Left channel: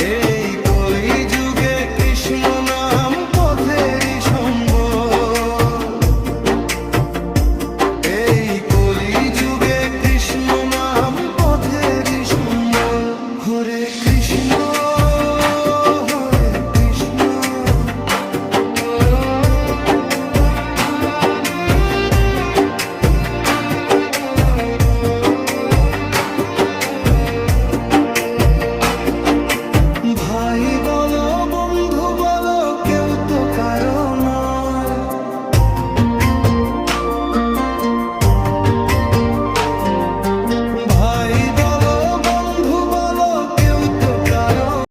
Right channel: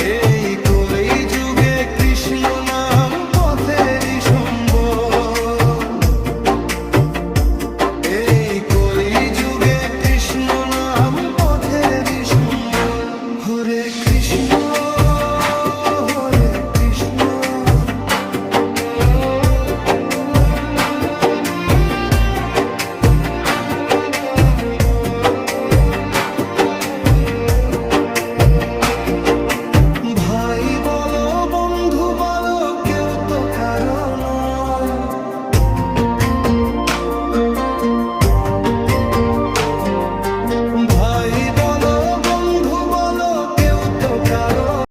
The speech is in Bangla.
এই কলি যুগে কৃষ্ণ নাম পথেরই সম্বল। এই কলি যুগে কৃষ্ণ নাম পথেরই সম্বল। হরে কৃষ্ণ হরে কৃষ্ণ। ভাই বলো বন্ধু বলো কেউ তো কারো নয়।